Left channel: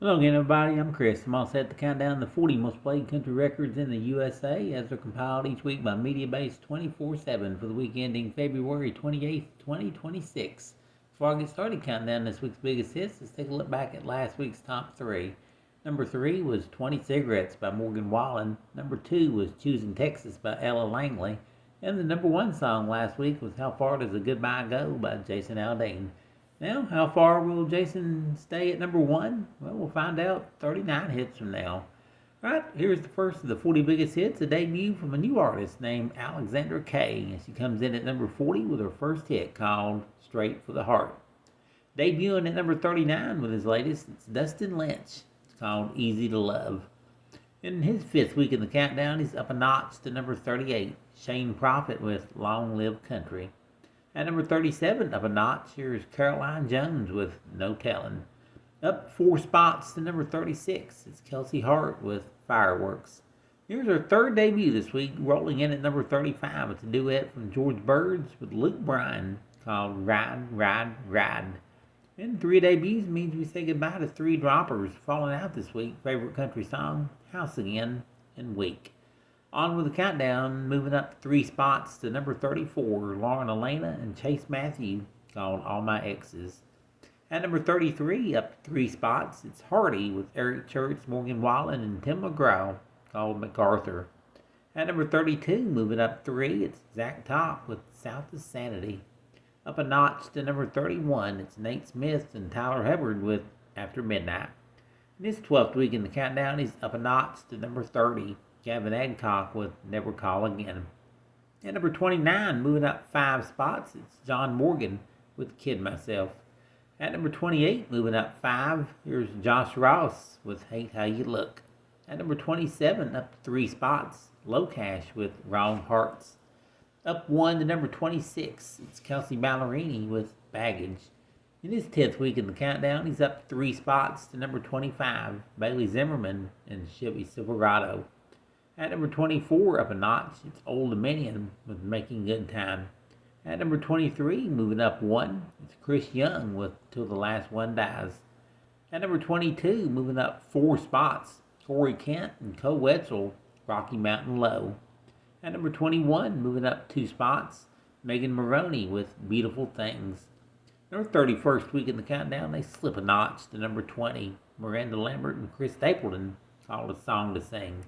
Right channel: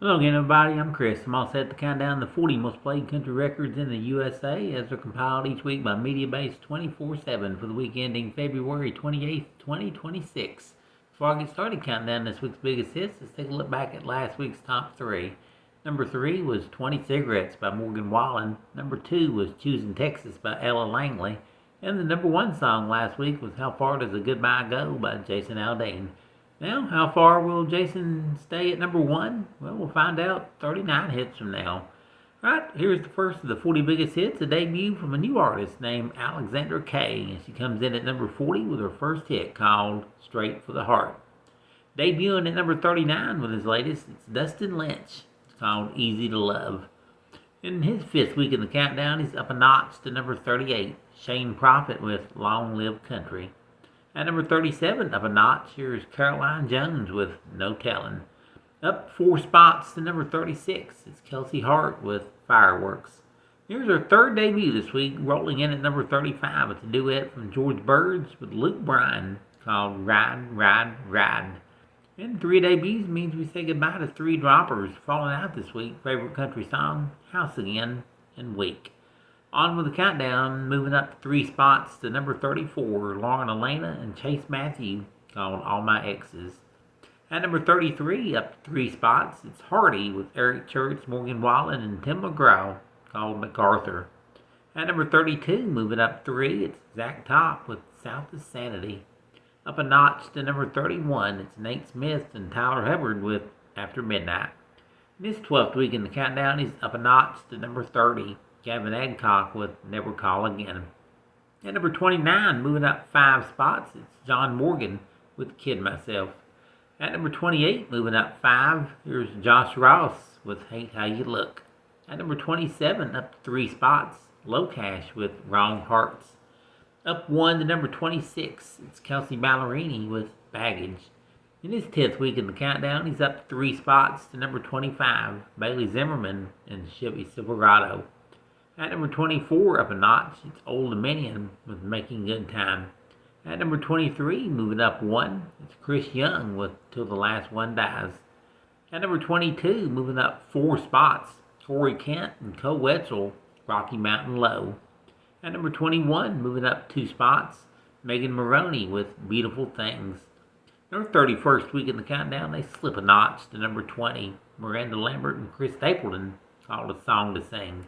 Hello again, everybody. I'm Chris. I'm all set to count down the 40 most played country records in the USA as they're compiled each week by MediaBase 24/7 for the week ending February 28th, 2026. Before I get started counting down this week's biggest hits, let's take a look back at last week's top three. Number 3 was 20 Cigarettes by Morgan Wallen. Number 2 was Choosing Texas by Ella Langley. And the number 1 song last week was How Far Does a Goodbye Go by Jason Aldean. Now, how far will Jason stay at number 1? Well, we'll find out 39 hits from now. Right, here's the first of the 40 biggest hits, a debut from a new artist named Alexandra Kay. And she comes in at number 40 with her first hit called Straight for the Heart. Debuting at number 39 with his latest, it's Dustin Lynch. It's called Easy to Love. In his fifth week in the countdown, he's up a notch to number 38, Shane Prophet with Long Live Country. At number 37, up a notch, here's Caroline Jones with No Tellin'. Up 4 spots to number 36, it's Kelsey Hart with Fireworks. Here's her third debut this week, rolling in at number 35. It's a duet from George Birds with Luke Bryan called Ride, Ride, Ride. And 3 debuts means we say goodbye to 3 droppers. Falling out this week, favorite country song, House Again, and Weak. On with the countdown, moving up 3 spots to number 34, Lauren Elena and Chase Matthew, called All My Exes. At number 33, up 3 spots, it's Hardy with Eric Church, Morgan Wallen, and Tim McGraw, called MacArthur. At number 32, moving up 3, it's Zach Top with South of Sanity. Up a notch to number 31, it's Nate Smith and Tyler Hubbard with After Midnight. In his 12th week in the countdown, he's up a notch to number 30. Gavin Adcock with Never Call Again. At number 29, moving up 5 spots, it's John Morgan with Kid Myself. At number 28, moving up 5, here's Josh Ross with Hate How You Look. At number 27, up 3 spots, Low Cash with Wrong Hearts. Up 1 to number 26, it's Kelsey Ballerini with Baggage. In his 10th week in the countdown, he's up 3 spots to number 25, Bailey Zimmerman and Chevy Silverado. At number 24, up a notch, it's Old Dominion with Making Good Time. At number 23, moving up 1, it's Chris Young with Till the Last One Dies. At number 22, moving up 4 spots, Corey Kent and Co Wetzel, Rocky Mountain Low. At number 21, moving up 2 spots, Megan Maroney with Beautiful Things. In her 31st week in the countdown, they slip a notch to number 20, Miranda Lambert and Chris Stapleton, called A Song to Sing.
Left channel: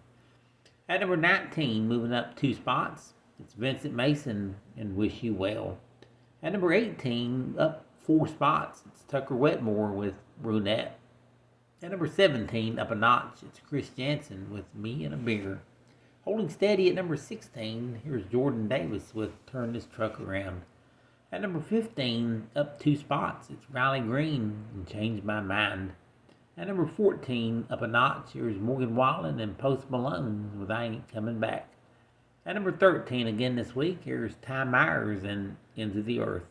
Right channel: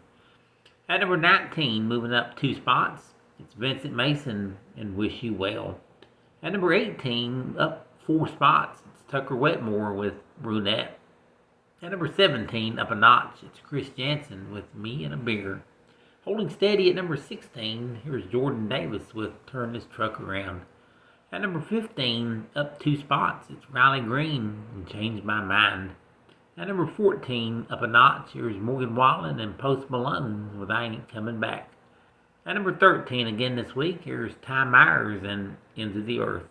At number 19, moving up 2 spots, it's Vincent Mason and Wish You Well. At number 18, up 4 spots, it's Tucker Wetmore with Brunette. At number 17, up a notch, it's Chris Jansen with Me and a Beer. Holding steady at number 16, here's Jordan Davis with Turn This Truck Around. At number 15, up 2 spots, it's Riley Green and Change My Mind. At number 14, up a notch, here's Morgan Wallen and Post Malone with I Ain't Coming Back. At number 13, again this week, here's Ty Myers and Into the Earth.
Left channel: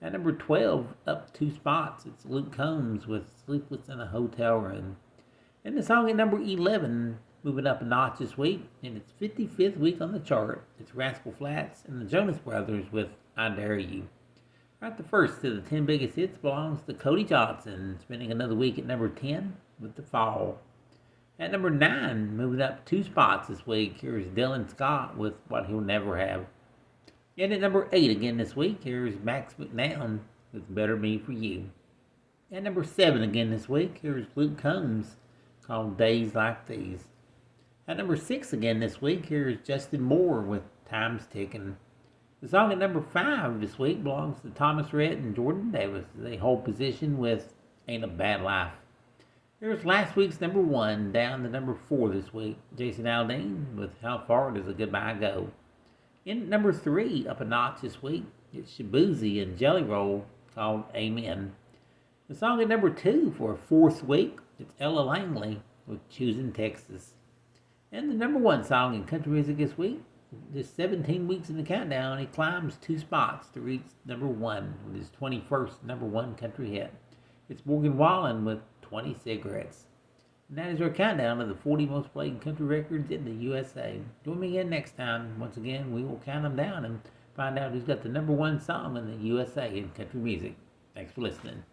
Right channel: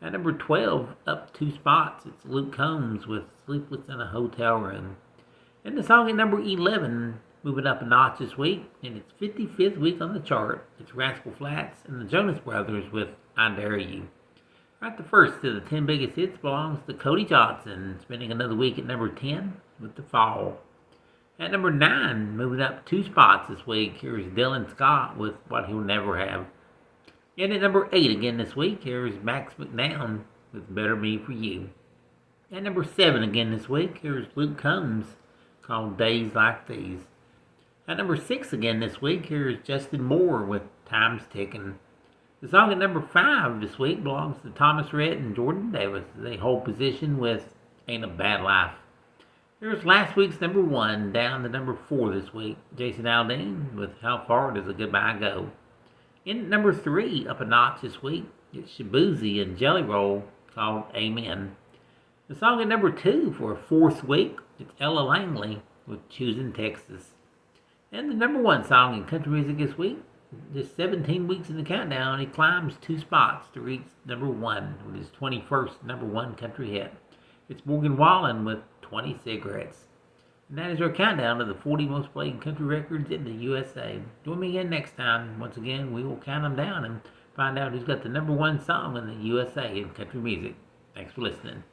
At number 12, up 2 spots, it's Luke Combs with Sleepless in a Hotel Room. And the song at number 11, moving up a notch this week, in its 55th week on the chart, it's Rascal Flatts and the Jonas Brothers with I Dare You. Right, the first of the 10 biggest hits belongs to Cody Johnson, spending another week at number 10 with The Fall. At number 9, moving up 2 spots this week, here's Dylan Scott with What He'll Never Have. And at number 8 again this week, here's Max McNown with Better Me For You. At number 7 again this week, here's Luke Combs, called Days Like These. At number 6 again this week, here's Justin Moore with Time's Ticking. The song at number 5 this week belongs to Thomas Rhett and Jordan Davis. They hold position with Ain't a Bad Life. Here's last week's number 1, down to number 4 this week, Jason Aldean with How Far Does a Goodbye Go. In at number 3, up a notch this week, it's Shabuzi and Jelly Roll, called Amen. The song at number 2 for a 4th week, it's Ella Langley with Choosing Texas. And the number 1 song in country music this week, just 17 weeks in the countdown, he climbs 2 spots to reach number 1 with his 21st number 1 country hit. It's Morgan Wallen with 20 Cigarettes. And that is our countdown of the 40 most played country records in the USA. Join me again next time. Once again, we will count them down and find out who's got the number 1 song in the USA in country music. Thanks for listening.